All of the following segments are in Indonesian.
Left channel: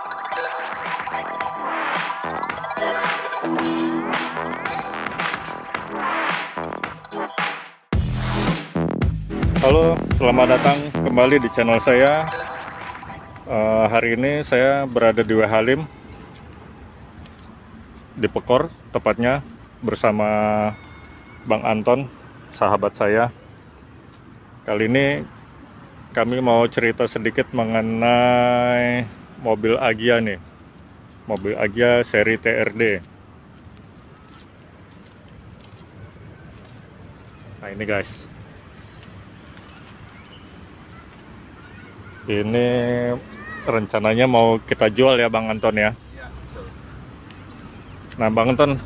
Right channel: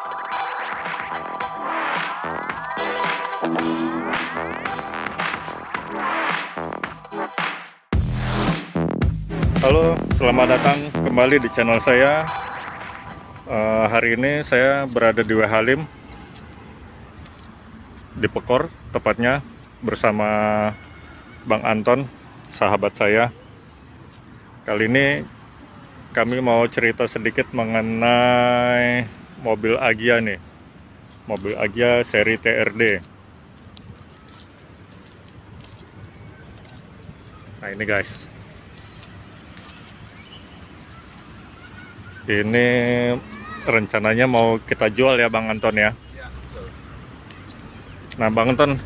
Halo, selamat datang kembali di channel saya. Hari ini saya berada di Halim, di Pekor tepatnya, bersama Bang Anton, sahabat saya. Kali ini kami mau cerita sedikit mengenai mobil Agya nih, mobil Agya seri TRD. Nah ini guys, ini rencananya mau kita jual ya Bang Anton ya. Nah Bang Anton,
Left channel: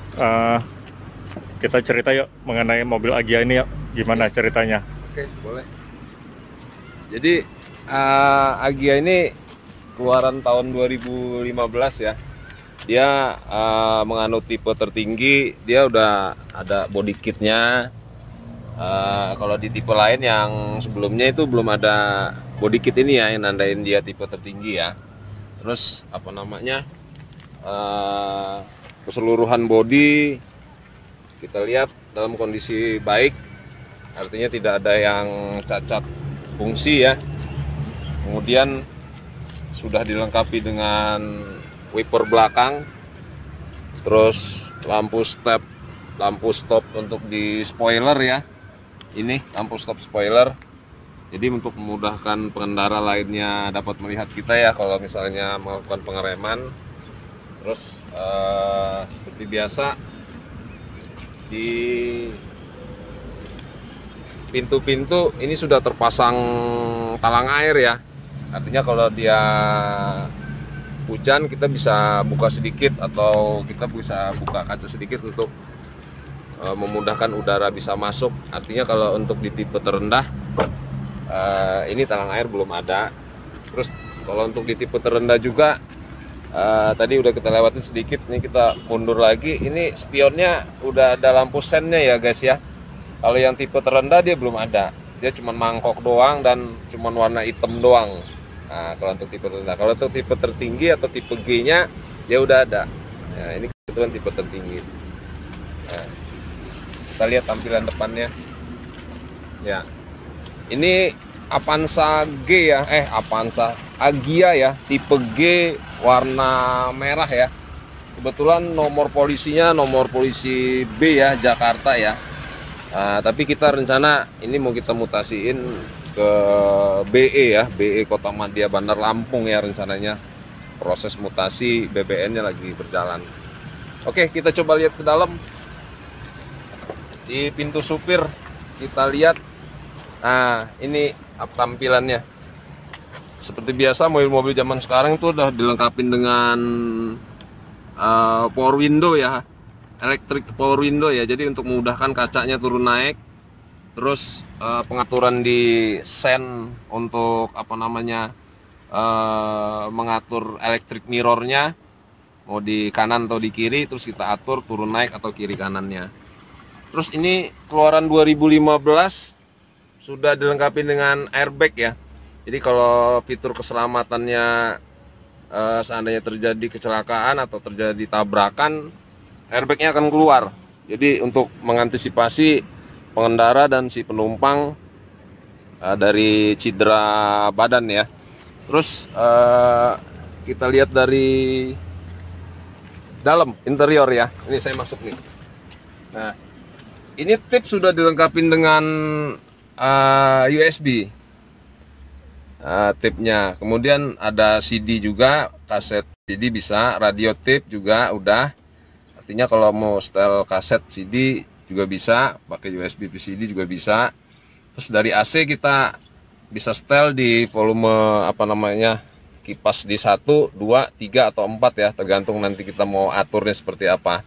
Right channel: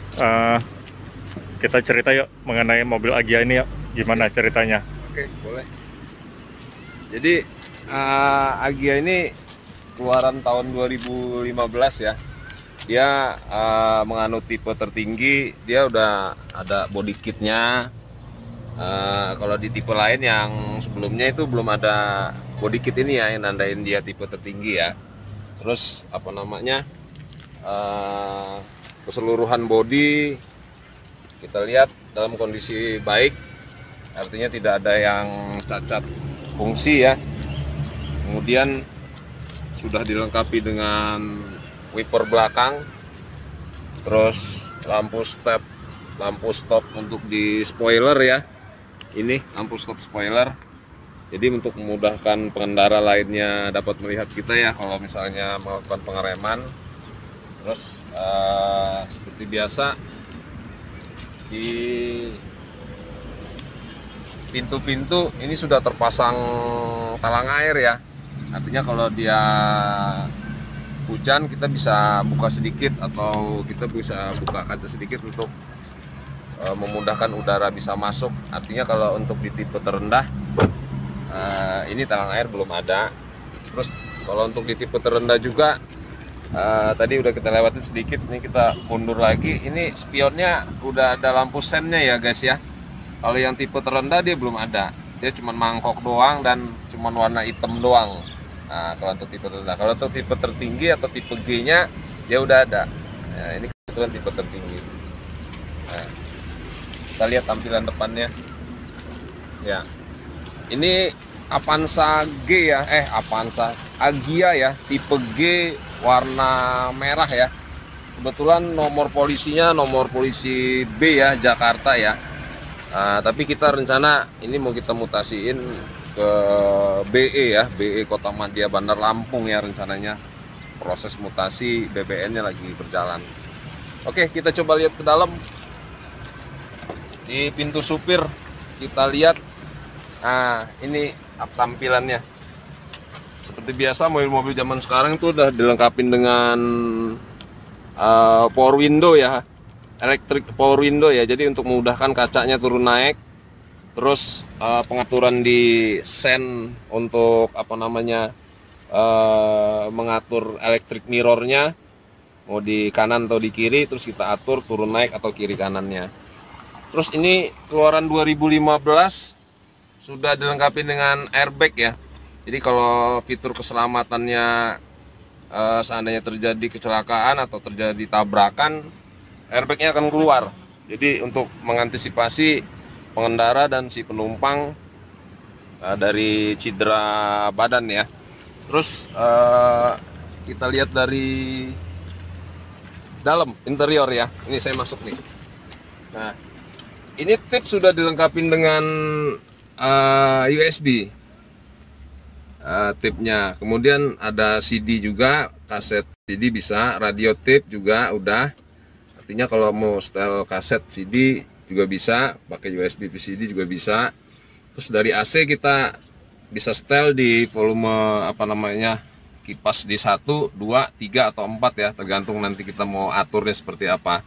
kita cerita yuk mengenai mobil Agya ini yuk. Gimana ceritanya? Oke, boleh. Jadi Agya ini keluaran tahun 2015 ya. Dia menganut tipe tertinggi, dia udah ada body kitnya. Kalau di tipe lain yang sebelumnya itu belum ada body kit ini ya, yang nandain dia tipe tertinggi ya. Terus apa namanya, keseluruhan body kita lihat dalam kondisi baik, artinya tidak ada yang cacat fungsi ya. Kemudian sudah dilengkapi dengan wiper belakang, terus lampu stop untuk di spoiler ya. Ini lampu stop spoiler, jadi untuk memudahkan pengendara lainnya dapat melihat kita ya kalau misalnya melakukan pengereman. Terus seperti biasa di pintu-pintu ini sudah terpasang talang air ya, artinya kalau dia hujan kita bisa buka sedikit atau kita bisa buka kaca sedikit untuk memudahkan udara bisa masuk. Artinya kalau untuk di tipe terendah ini talang air belum ada. Terus kalau untuk di tipe terendah juga tadi udah kita lewatin sedikit, ini kita mundur lagi. Ini spionnya udah ada lampu sennya ya guys ya. Kalau yang tipe terendah dia belum ada, dia cuma mangkok doang dan cuma warna hitam doang. Nah, kalau untuk tipe terendah, kalau untuk tipe tertinggi atau tipe G nya dia udah ada. Nah, ini kebetulan tipe tertinggi. Nah, kita lihat tampilan depannya ya. Ini Avanza G ya, Avanza Agya ya, tipe G warna merah ya. Kebetulan nomor polisinya nomor polisi B ya, Jakarta ya. Tapi kita rencana ini mau kita mutasiin ke BE ya, BE Kota Madya Bandar Lampung ya rencananya. Proses mutasi BBN-nya lagi berjalan. Oke, kita coba lihat ke dalam. Di pintu supir kita lihat, nah ini tampilannya. Seperti biasa mobil-mobil zaman sekarang tuh udah dilengkapi dengan power window ya, electric power window ya. Jadi untuk memudahkan kacanya turun naik. Terus pengaturan di sen untuk apa namanya, mengatur electric mirrornya mau di kanan atau di kiri, terus kita atur turun naik atau kiri kanannya. Terus ini keluaran 2015 sudah dilengkapi dengan airbag ya. Jadi kalau fitur keselamatannya seandainya terjadi kecelakaan atau terjadi tabrakan, airbagnya akan keluar. Jadi untuk mengantisipasi pengendara dan si penumpang dari cedera badan ya. Terus kita lihat dari dalam interior ya. Ini saya masuk nih. Nah, ini tip sudah dilengkapi dengan USB tipnya. Kemudian ada CD juga, kaset CD bisa, radio tip juga udah. Artinya kalau mau setel kaset CD juga bisa, pakai USB CD juga bisa. Terus dari AC kita bisa setel di volume apa namanya, kipas di 1, 2, 3 atau 4 ya, tergantung nanti kita mau aturnya seperti apa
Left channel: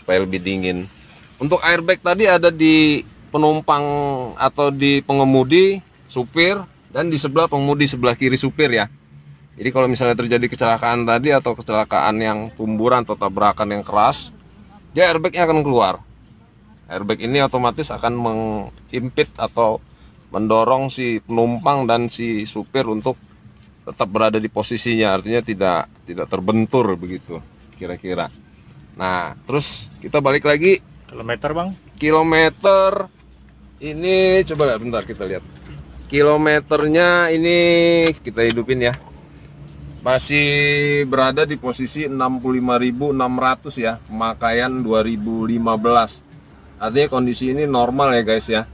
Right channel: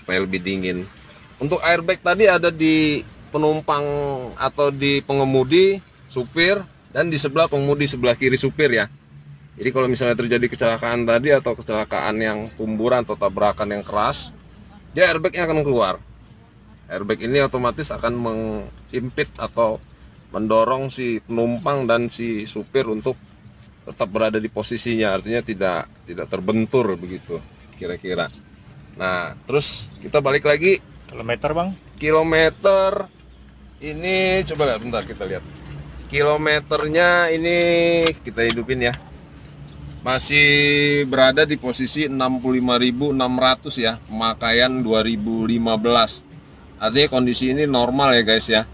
supaya lebih dingin. Untuk airbag tadi ada di penumpang atau di pengemudi, supir, dan di sebelah pengemudi, sebelah kiri supir ya. Jadi kalau misalnya terjadi kecelakaan tadi atau kecelakaan yang tumburan atau tabrakan yang keras, dia airbagnya akan keluar. Airbag ini otomatis akan mengimpit atau mendorong si penumpang dan si supir untuk tetap berada di posisinya, artinya tidak terbentur begitu kira-kira. Nah, terus kita balik lagi. Kilometer bang? Kilometer ini coba lihat, bentar kita lihat. Kilometernya ini kita hidupin ya. Masih berada di posisi 65.600 ya, pemakaian 2015. Artinya kondisi ini normal ya guys ya.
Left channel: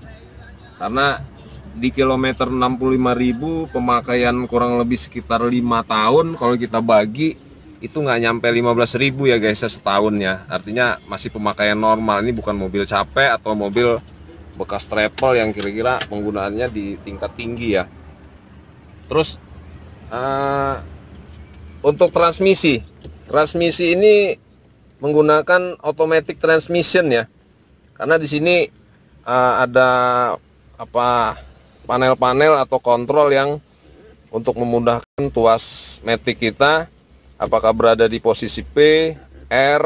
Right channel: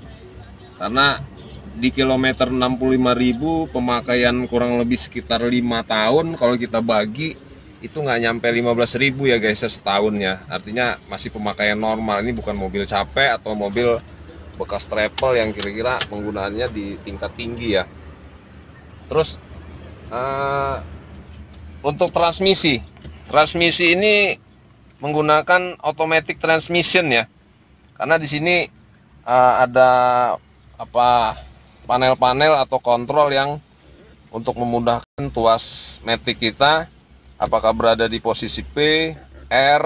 Karena di kilometer 65.000 pemakaian kurang lebih sekitar 5 tahun. Kalau kita bagi itu nggak nyampe 15.000 ya guys ya setahun ya. Artinya masih pemakaian normal. Ini bukan mobil capek atau mobil bekas travel yang kira-kira penggunaannya di tingkat tinggi ya. Terus untuk transmisi ini menggunakan automatic transmission ya. Karena di sini ada panel-panel atau kontrol yang untuk memudahkan tuas matic kita apakah berada di posisi P, R,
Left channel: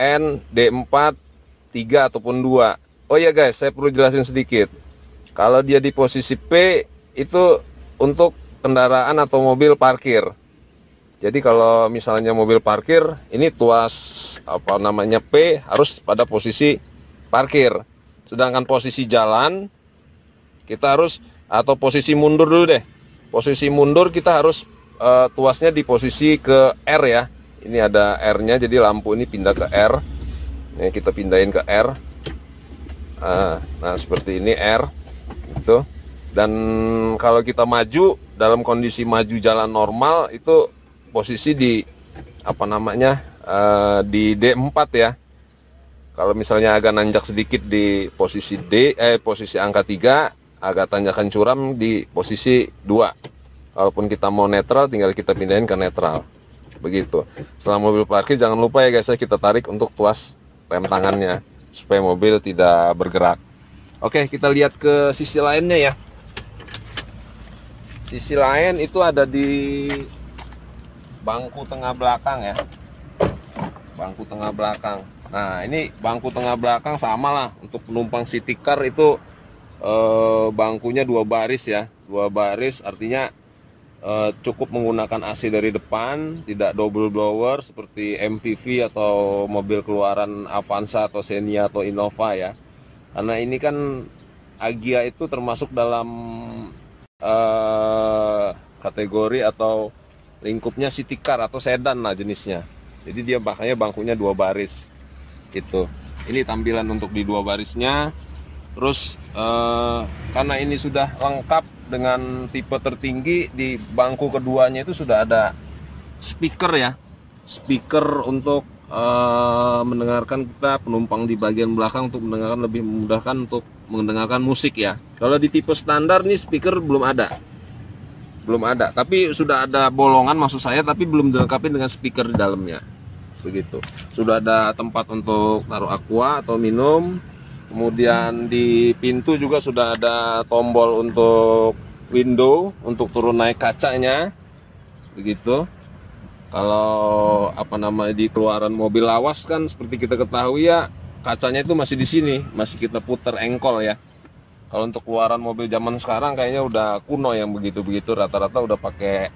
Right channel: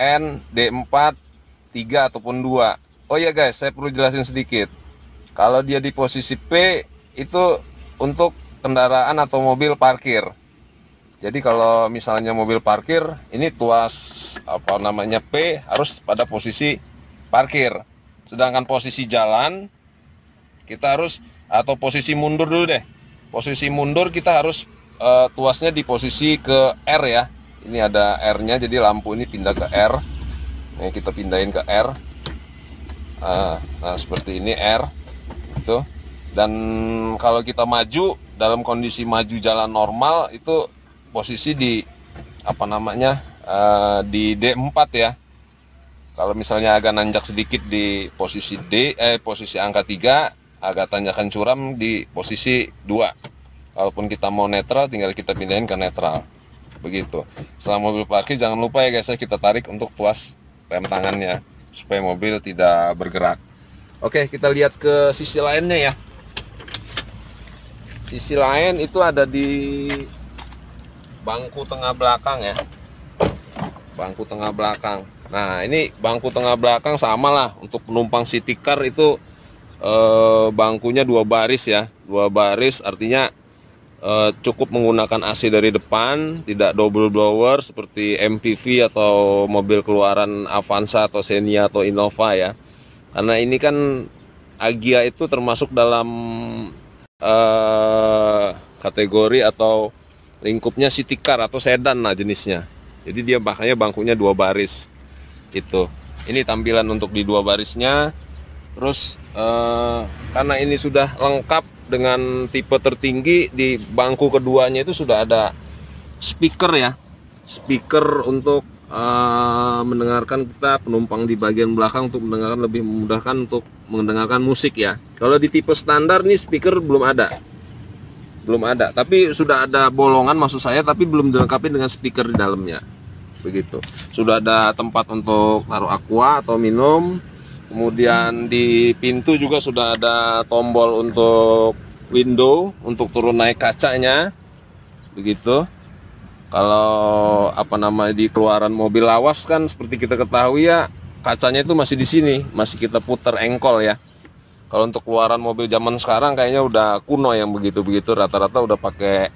N, D4, 3 ataupun 2. Oh ya guys, saya perlu jelasin sedikit. Kalau dia di posisi P itu untuk kendaraan atau mobil parkir. Jadi kalau misalnya mobil parkir, ini tuas P harus pada posisi parkir. Sedangkan posisi jalan kita harus, atau posisi mundur dulu deh. Posisi mundur kita harus tuasnya di posisi ke R ya. Ini ada R-nya, jadi lampu ini pindah ke R. Ini kita pindahin ke R. Nah seperti ini R itu. Dan kalau kita maju dalam kondisi maju jalan normal itu posisi di di D4 ya. Kalau misalnya agak nanjak sedikit di posisi posisi angka 3, agak tanjakan curam di posisi 2. Walaupun kita mau netral, tinggal kita pindahin ke netral. Begitu. Setelah mobil parkir jangan lupa ya guys, kita tarik untuk tuas rem tangannya supaya mobil tidak bergerak. Oke, kita lihat ke sisi lainnya ya. Sisi lain itu ada di bangku tengah belakang ya. Bangku tengah belakang. Nah, ini bangku tengah belakang sama lah. Untuk penumpang city car itu bangkunya 2 baris ya. 2 baris artinya cukup menggunakan AC dari depan, tidak double blower seperti MPV atau mobil keluaran Avanza atau Xenia atau Innova ya. Karena ini kan Agya itu termasuk dalam kategori atau lingkupnya city car atau sedan lah jenisnya. Jadi dia makanya bangkunya 2 baris gitu. Ini tampilan untuk di 2 barisnya. Terus karena ini sudah lengkap dengan tipe tertinggi, di bangku keduanya itu sudah ada speaker ya. Speaker untuk mendengarkan kita penumpang di bagian belakang untuk mendengarkan, lebih memudahkan untuk mendengarkan musik ya. Kalau di tipe standar nih speaker belum ada. Tapi sudah ada bolongan maksud saya, tapi belum dilengkapi dengan speaker di dalamnya. Begitu. Sudah ada tempat untuk taruh aqua atau minum. Kemudian di pintu juga sudah ada tombol untuk window, untuk turun naik kacanya. Begitu. Kalau di keluaran mobil lawas kan seperti kita ketahui ya, kacanya itu masih di sini, masih kita putar engkol ya. Kalau untuk keluaran mobil zaman sekarang kayaknya udah kuno yang begitu-begitu, rata-rata udah pakai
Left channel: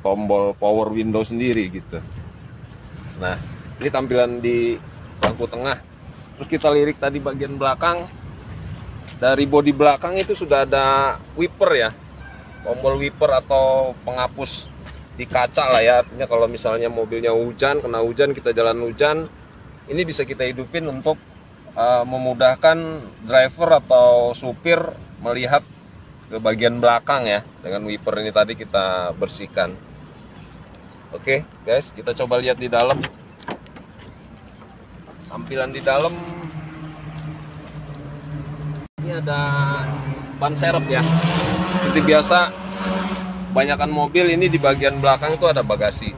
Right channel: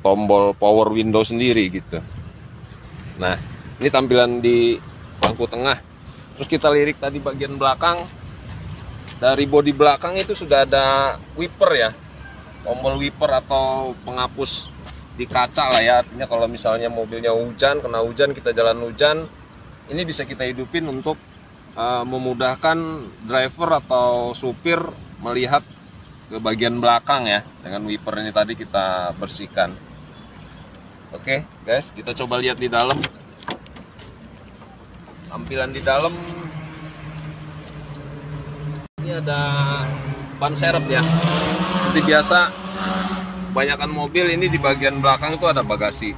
tombol power window sendiri gitu. Nah, ini tampilan di bangku tengah. Terus kita lirik tadi bagian belakang. Dari bodi belakang itu sudah ada wiper ya. Tombol wiper atau penghapus di kaca lah ya. Artinya kalau misalnya mobilnya hujan, kena hujan, kita jalan hujan, ini bisa kita hidupin untuk memudahkan driver atau supir melihat ke bagian belakang ya. Dengan wiper ini tadi kita bersihkan. Oke guys, kita coba lihat di dalam. Tampilan di dalam ini ada ban serep ya. Seperti biasa, kebanyakan mobil ini di bagian belakang itu ada bagasi.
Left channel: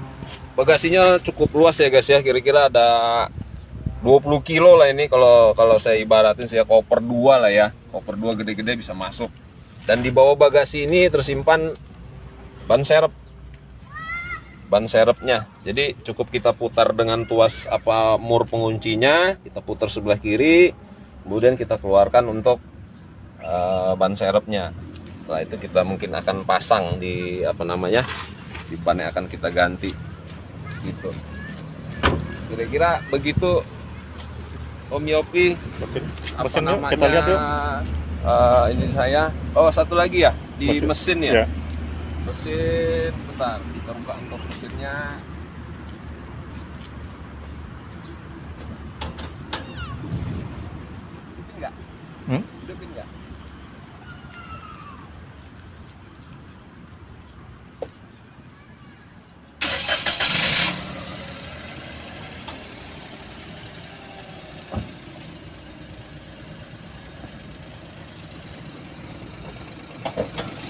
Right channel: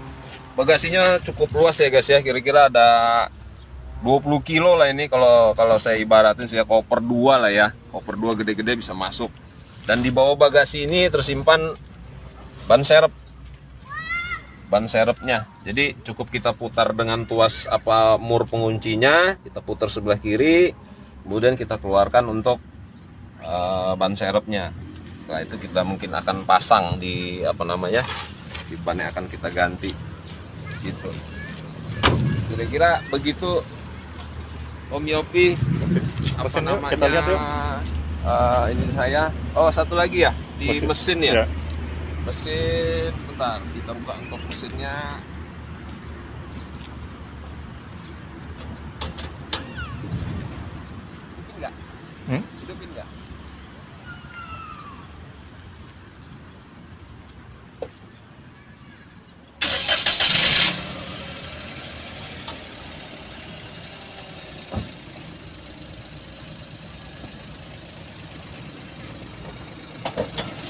Bagasinya cukup luas ya guys ya, kira-kira ada 20 kilo lah ini kalau saya ibaratin, saya koper 2 lah ya. Koper 2 gede-gede bisa masuk. Dan di bawah bagasi ini tersimpan ban serep. Ban serepnya. Jadi cukup kita putar dengan tuas mur penguncinya, kita putar sebelah kiri, kemudian kita keluarkan untuk ban serepnya. Setelah itu kita mungkin akan pasang di apa namanya, di ban yang akan kita ganti gitu. Kira-kira begitu Om Yopi. Apa namanya, kita lihat yuk. Ini saya, oh satu lagi ya di mesin ya. Ya. Mesin, sebentar kita buka untuk mesinnya. Hidupin nggak? Hidupin nggak?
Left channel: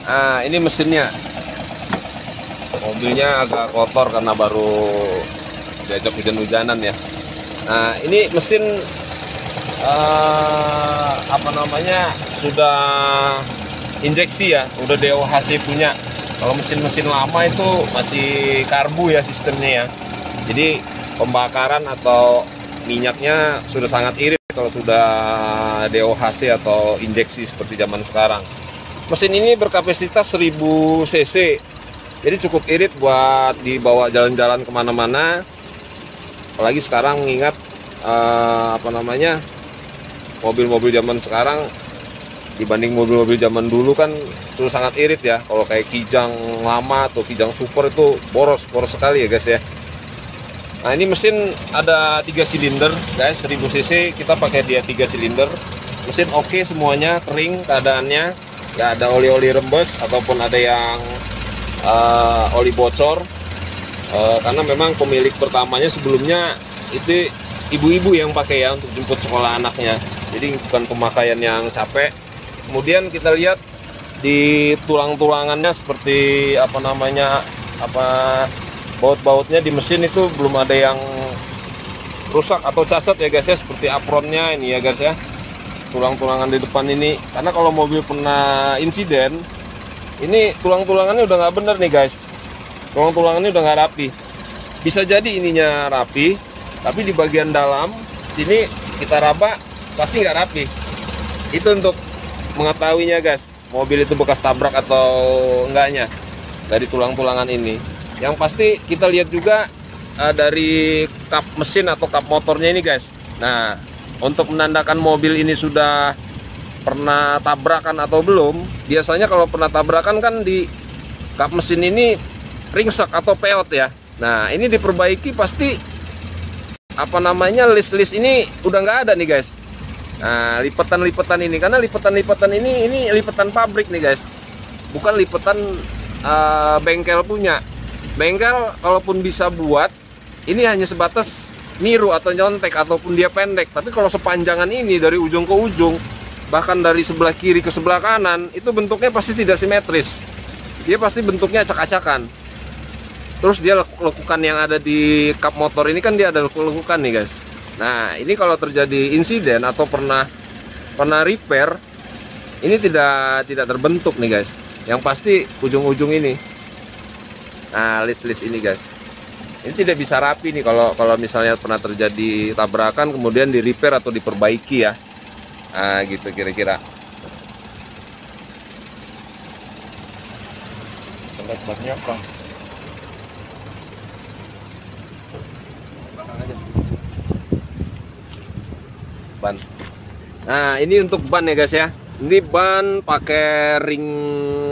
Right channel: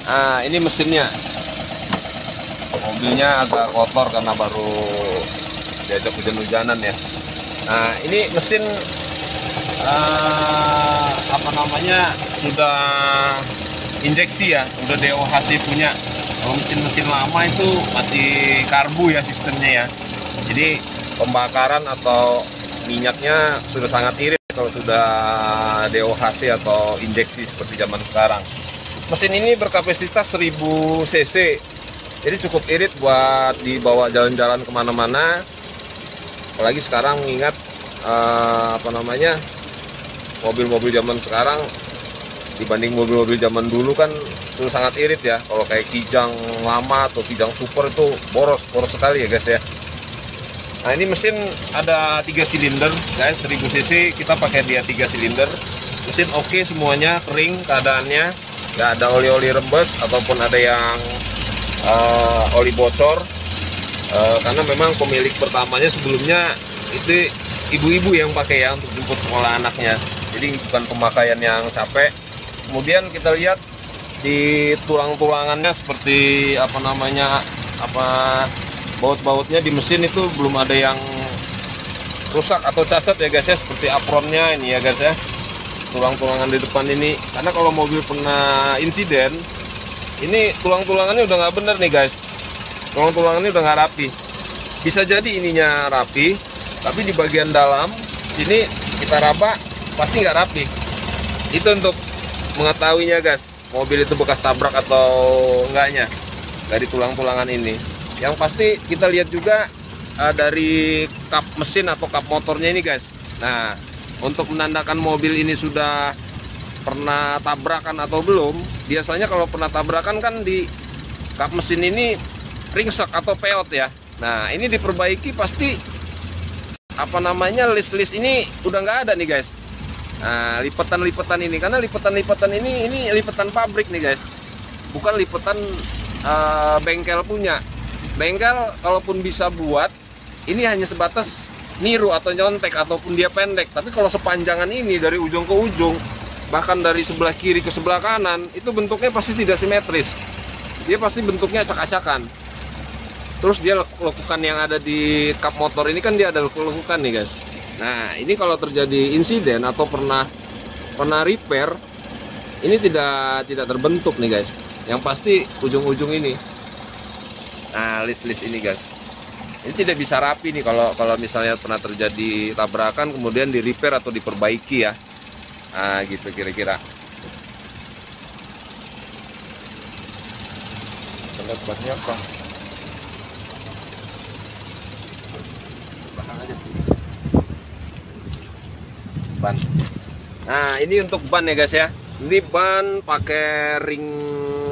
Nah, ini mesinnya. Mobilnya agak kotor karena baru diajak hujan-hujanan ya. Nah, ini mesin apa namanya, sudah injeksi ya, udah DOHC punya. Kalau mesin-mesin lama itu masih karbu ya sistemnya ya. Jadi pembakaran atau minyaknya sudah sangat irit kalau sudah DOHC atau injeksi seperti zaman sekarang. Mesin ini berkapasitas 1000 cc, jadi cukup irit buat dibawa jalan-jalan kemana-mana. Apalagi sekarang ingat apa namanya, mobil-mobil zaman sekarang dibanding mobil-mobil zaman dulu kan itu sangat irit ya. Kalau kayak Kijang lama atau Kijang Super itu boros sekali ya guys ya. Nah, ini mesin ada 3 silinder guys, 1000 cc, kita pakai dia 3 silinder. Mesin oke semuanya, kering keadaannya, nggak ada oli-oli rembes ataupun ada yang oli bocor, karena memang pemilik pertamanya sebelumnya itu ibu-ibu yang pakai ya untuk jemput sekolah anaknya, jadi bukan pemakaian yang capek. Kemudian kita lihat di tulang-tulangannya seperti apa namanya, baut-bautnya di mesin itu belum ada yang rusak atau cacat ya guys ya, seperti apronnya ini ya guys ya, tulang-tulangan di depan ini. Karena kalau mobil pernah insiden, ini tulang-tulangannya udah nggak bener nih guys, tulang-tulangannya udah nggak rapi. Bisa jadi ininya rapi, tapi di bagian dalam sini kita raba pasti nggak rapi. Itu untuk mengetahuinya guys, mobil itu bekas tabrak atau enggaknya dari tulang-tulangan ini. Yang pasti kita lihat juga dari kap mesin atau kap motornya ini guys. Nah, untuk menandakan mobil ini sudah pernah tabrakan atau belum, biasanya kalau pernah tabrakan kan di kap mesin ini ringsek atau peot ya. Nah, ini diperbaiki pasti apa namanya, list-list ini udah nggak ada nih guys. Nah, lipetan-lipetan ini, karena lipetan-lipetan ini lipetan pabrik nih guys, bukan lipetan bengkel punya. Bengkel kalaupun bisa buat, ini hanya sebatas niru atau nyontek ataupun dia pendek. Tapi kalau sepanjangan ini dari ujung ke ujung, bahkan dari sebelah kiri ke sebelah kanan, itu bentuknya pasti tidak simetris. Dia pasti bentuknya acak-acakan. Terus dia lekukan yang ada di kap motor ini kan dia ada lekukan nih guys. Nah, ini kalau terjadi insiden atau pernah repair, ini tidak terbentuk nih guys. Yang pasti ujung-ujung ini. Nah, list-list ini guys, ini tidak bisa rapi nih kalau misalnya pernah terjadi tabrakan kemudian di repair atau diperbaiki ya. Nah, gitu kira-kira. Lihat bannya kok. Ban. Nah, ini untuk ban ya guys ya. Ini ban pakai ring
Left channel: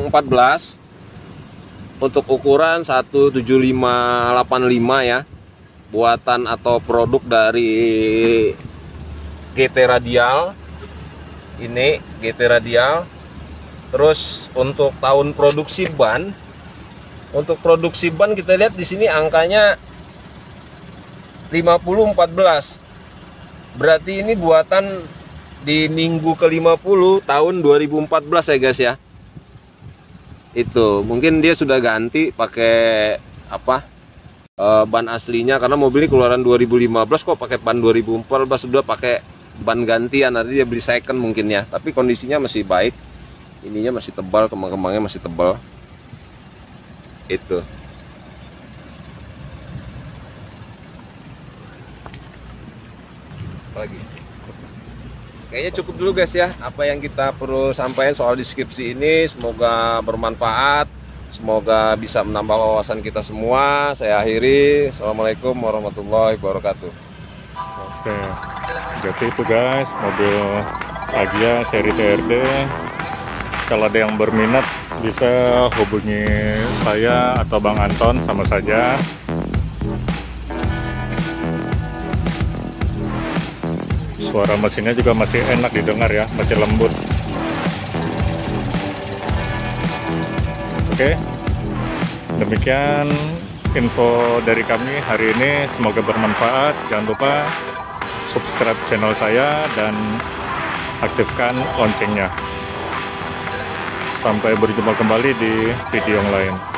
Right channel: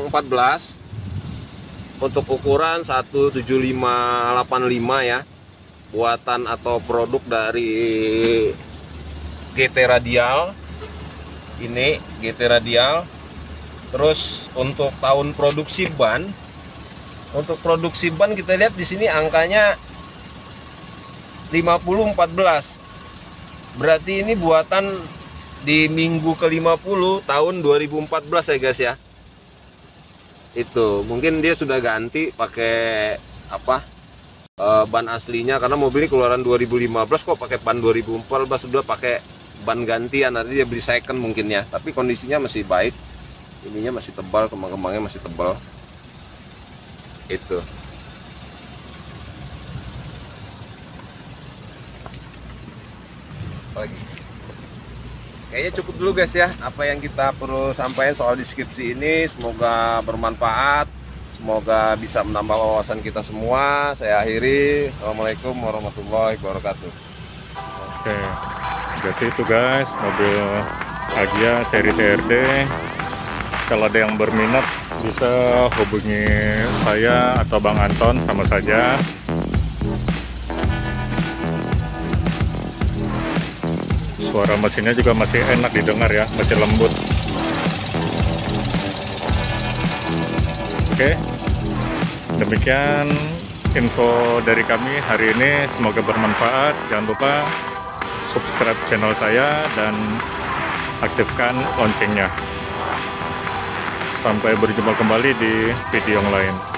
14 untuk ukuran 17585 ya. Buatan atau produk dari GT Radial. Ini GT Radial. Terus untuk tahun produksi ban, untuk produksi ban kita lihat di sini angkanya 5014. Berarti ini buatan di minggu ke-50 tahun 2014 ya guys ya. Itu mungkin dia sudah ganti pakai ban aslinya, karena mobil ini keluaran 2015 kok pakai ban 2014, sudah pakai ban gantian, nanti dia beli second mungkin ya. Tapi kondisinya masih baik, ininya masih tebal, kemang-kemangnya masih tebal. Itu lagi. kayaknya cukup dulu guys ya, apa yang kita perlu sampaikan soal deskripsi ini. Semoga bermanfaat, semoga bisa menambah wawasan kita semua. Saya akhiri. Assalamualaikum warahmatullahi wabarakatuh. Oke, jadi itu guys, mobil Agya seri TRD. Kalau ada yang berminat bisa hubungi saya atau Bang Anton, sama saja. Suara mesinnya juga masih enak didengar ya, masih lembut. Oke, demikian info dari kami hari ini, semoga bermanfaat. Jangan lupa subscribe channel saya dan aktifkan loncengnya. Sampai berjumpa kembali di video yang lain.